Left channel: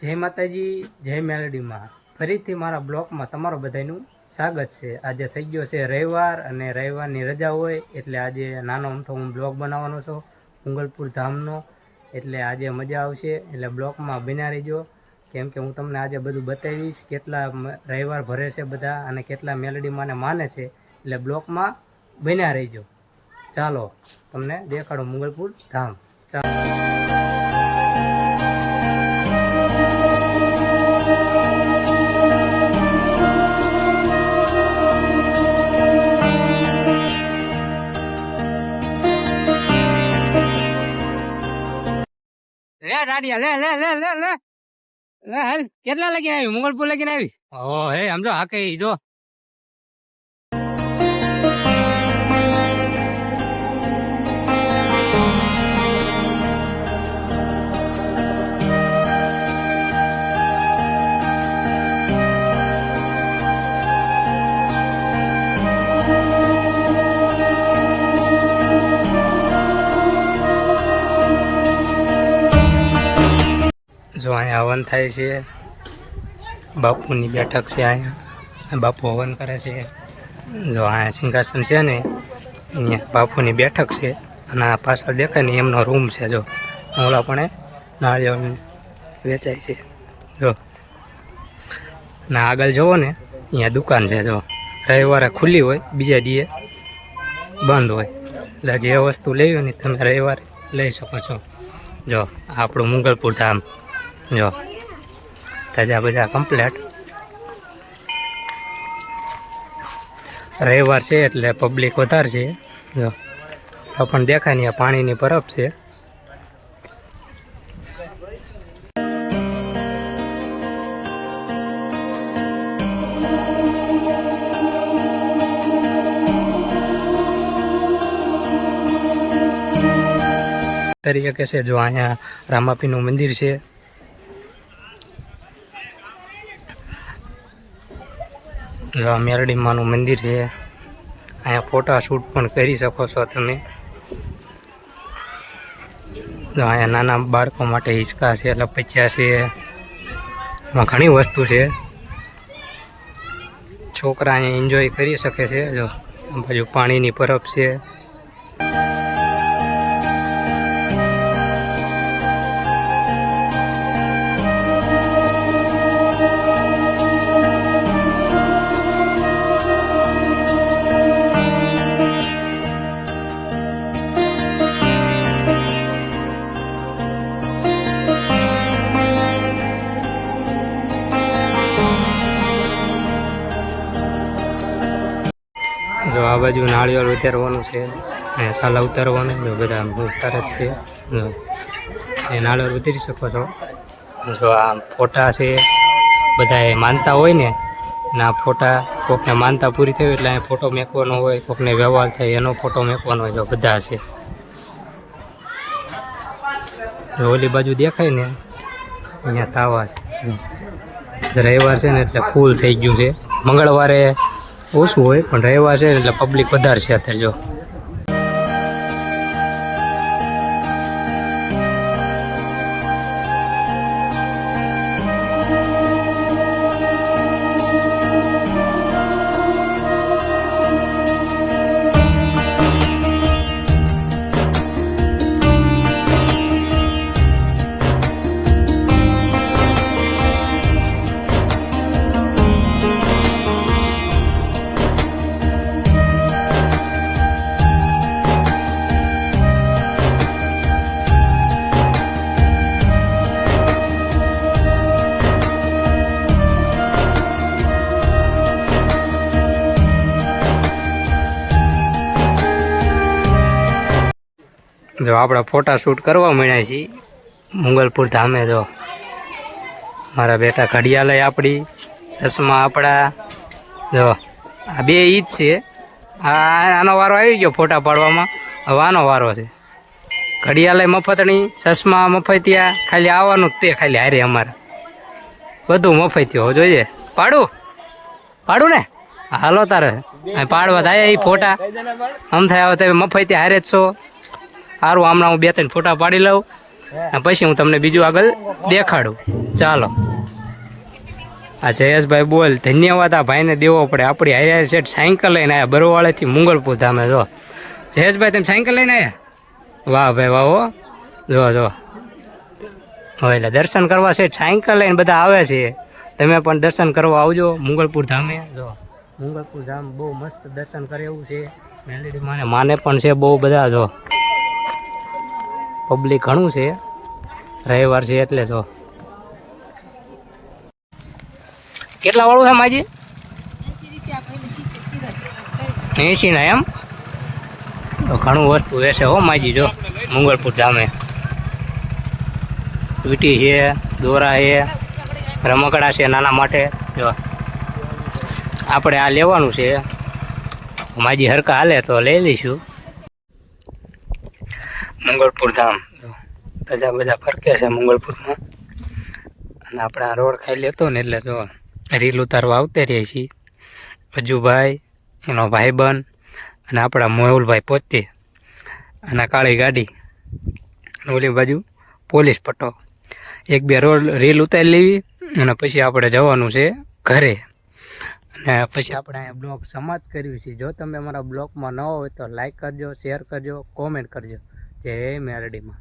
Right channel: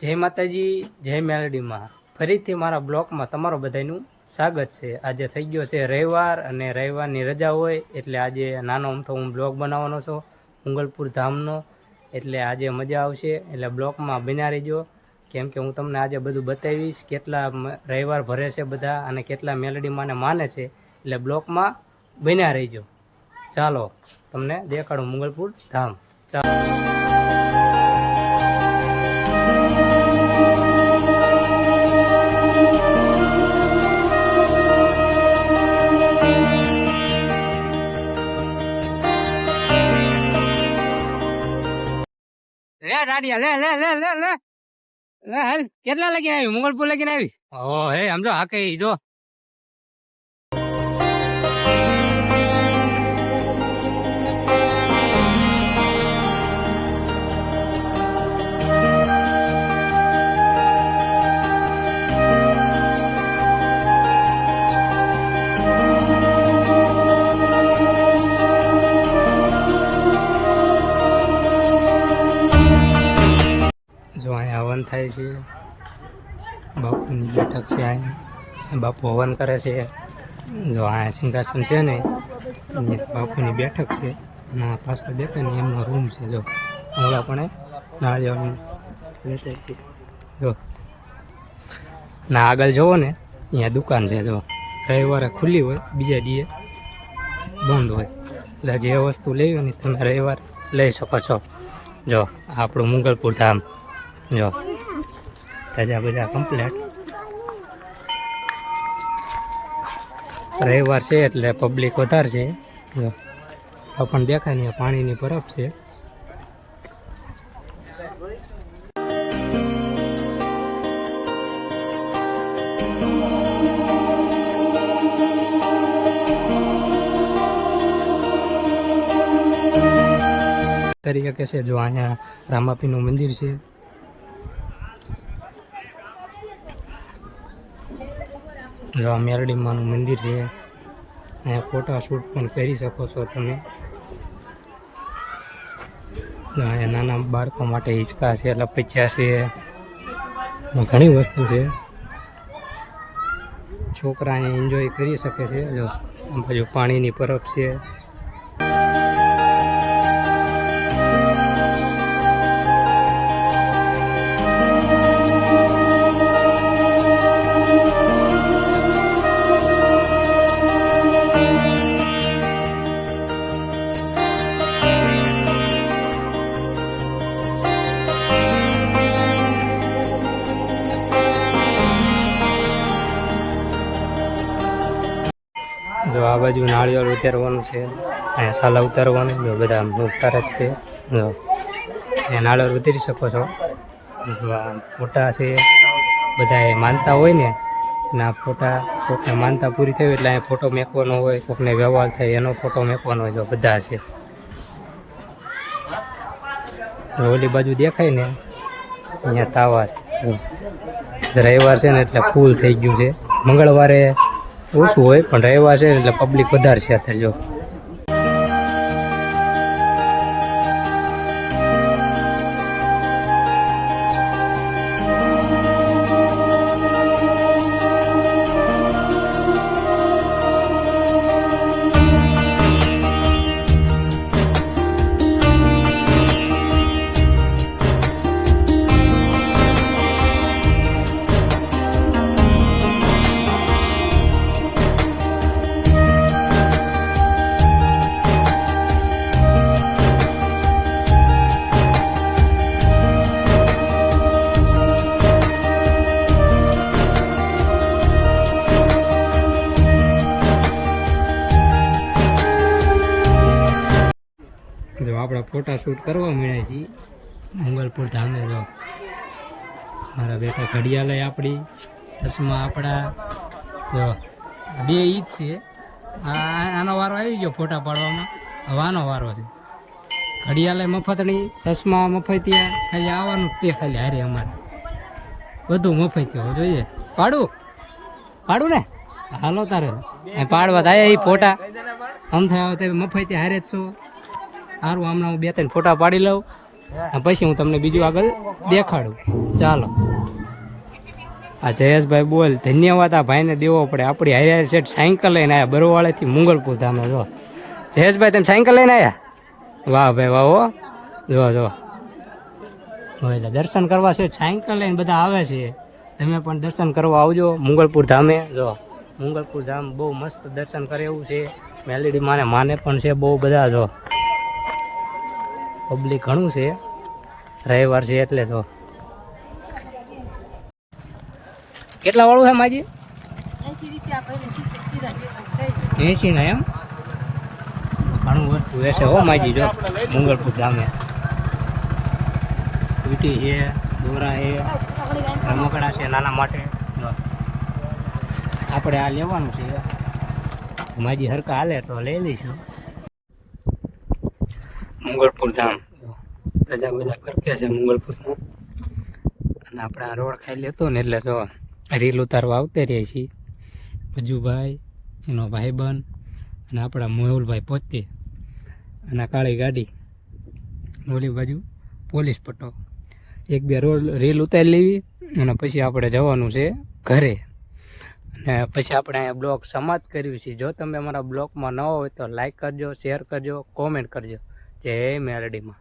જય માતાજી, જય મેલડીમાં ફરીથી મારા બ્લોગમાં તમારું બધાનું સ્વાગત છે। આજે થઈ ગયો છે રવિવાર અને રવિવારની રજા હોય એટલે આજે નાનો અમથો હું બ્લોગ બનાવવાનો છું મુગલપુર ધામનો। એટલે આજે મજા આવશે, એટલે બ્લોગમાં બન્યા રહેજો, કેમ કે હું તમને આજે બધું બતાવીશ કેટલા રવિવાર ભરે છે બધા અને કેટલા મેલડીમાંને માને છે। એટલે બ્લોગમાં બન્યા રહેજો। ચાલો તમને દેખાડું મુગલપુર ધામ। ચાલો લે દાડિયા લે લે લે લે લે લે હાલ કેટલા લગીને આવી મુગલપુર લગીને આવી? ઓ હે સમજો હાકે જો જો અહીંયા હવન થાય છે, બાપુની બેઠક છે, અહીંયા બાપુ હવન કરે છે। જો અહીંયા સિંહાસન છે ને અહીંયા બાપુની બેઠક છે અને આ પાછળ દેખાય ને એમનો રૂમ છે। જો ઓલા પણ નાળિયેર વેચાય છે જો, ના આગળ જુઓ ને અહીંયા દુકાન છે। જો રવિવારે ખુલ્લી હોય, બીજા દીએ બંધ હોય, એટલે જે વસ્તુ લેવી ને તમે રવિવારે લઈ શકો છો। જો આપણું મુગલપુર ધામ જો તાજા બધા કમ્પ્લેટ। રવિવાર છે એટલે પબ્લિક વધારે છે। જો પણ દેખાય ને પાણીની બરફ છે। તરીકે છે જો અહીંયા રામાપીનું મંદિર છે। જો આ મેરડીમાનું મંદિર છે, અહીંયા ફોટા શૂટ પણ કરી શકો છો તમે। જો અહીંયા નાના બાળકો માટે હિંચકા છે, લપચ્યા છે, એમાં ઘણી વસ્તુ છે, છોકરા અહીંયા એન્જોય કરી શકે છે। જો આ બાજુ પાણીની બરફ છે। જો આ બાજુ નાળિયેર ઉતારવાનું છે, અહીંયા સાલા ઉતારવાનું, જો બધા ઉતારે જ છે। જો અહીંયા નાળિયેર ઉતારી શકો છો। જો આ ફોટા છે, બધા એ માનતા હોય ને ના ફોટા, કોકને માનતા પૂરી થઈ હોય એટલે અહીંયા ફોટો મેકવાનો હોય, કોકને વ્યવહાર થાય એનો ફોટો મેકવાનો હોય। જો બધા છે, જો ઓલી બાજુ દેખાય ને અહીંયા તાવા છે। જો રવિવાર છે ને એટલે ફૂલ થઈ ગયું છે, મંગળવારે ઓછું હોય પણ રવિવાર છે એટલે પબ્લિક વધારે છે અત્યારે। જો જો આપણે ફોટા શૂટ કરવા મળ્યા છીએ મુગલપુર ધામે। જો મારા બેટા ઘડિયાળ આપણી, ચશ્મા આપણા, જો આ બે ઈ જ છે। આનો વારો આવી ગયો ફોટા પાડવામાં, હવે આનો વારો છે। ઘડિયાળ મફતની, ચશ્મા મફતિયા, ખાલી આવવાનું તે ખાલી હારે અમારે બધું મફતિયો જોઈએ। પાડું ને હાલો તારે પાડવા થાય એ ફોટા આમ થાય, હવે તમે મફતિયા હારે જ છો। સારું, હમણાં હું 2-3 ફોટા પાડી લઉં પછી હું તમને બીજું આગળ દેખાડું. ચાલો આ જયેશભાઈ બોલ ધન્યવાદ આ ભાઈને દેવો પડે. આપણી હારે સેટ સાયકલ લઈને આવ્યા બરોવાળેથી મંગળપુર ધામે. જો જયેશભાઈ તમે સાયકલ લઈને આવ્યા? વાહ ભાઈ વાહ હો. જો હવે એટલે દર્શન કરવા છે સાયકલ લઈને બધા આવે છે. તમે પણ દર્શન કરવા આવજો મંગળપુર ધામે. જો મંગળપુર ધામ બહુ મસ્ત દર્શન કરે એવું છે. મેલેડી માને પણ છે બહુ બધા. જો પબ્લિક ઘણું છે, રવિવાર છે એટલે. જો કેટલા વાળું છે માજી? 80 ના એમ? તો ઘણું વસ્તુ વેચે હો માજી. જો મંગળપુર ધામે વીટી છે, દોરા છે, રમકડા છે નાના માટે. જો આપણે આ લેવાનું છે. માજી હરકા હાલે તો લઈ લઈશું. મંગળપુર ધામ બધા બધા ફરકે છે મંગળપુરમાં. અને આપણે આ રોડ ખાઈ લેતો ને એટલે જો રીલ ઉતારવા આવતે રહીએ છીએ. અજુભાઈ, એનો ભાઈબંધ અને આપણા મોહુલભાઈ પોતે અને કાળી ગાડી. ઓલી બાજુ પોલીસ પટ્ટો. એક બે રોડ રીલ ઉતારી લેવી અને પછી આપણે જવાનું છે ઘરે. અને પછી આપણે અહીંયા બ્લોગ સમાપ્ત કર્યું છે. જો તમે અમારા બ્લોગમાં ન હોય તો લાઈક કરજો, શેર કરજો, કોમેન્ટ કરજો. જય મેલડીમાં.